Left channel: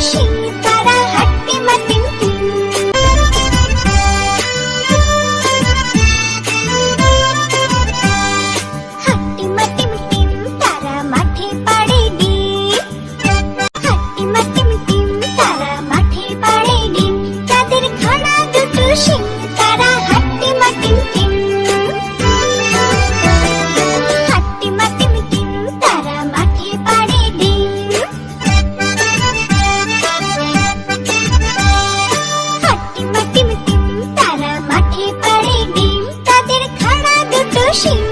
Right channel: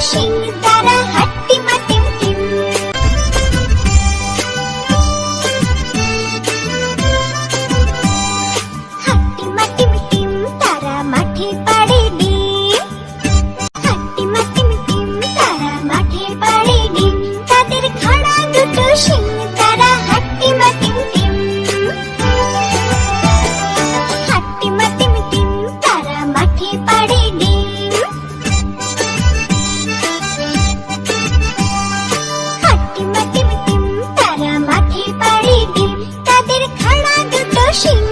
是。他是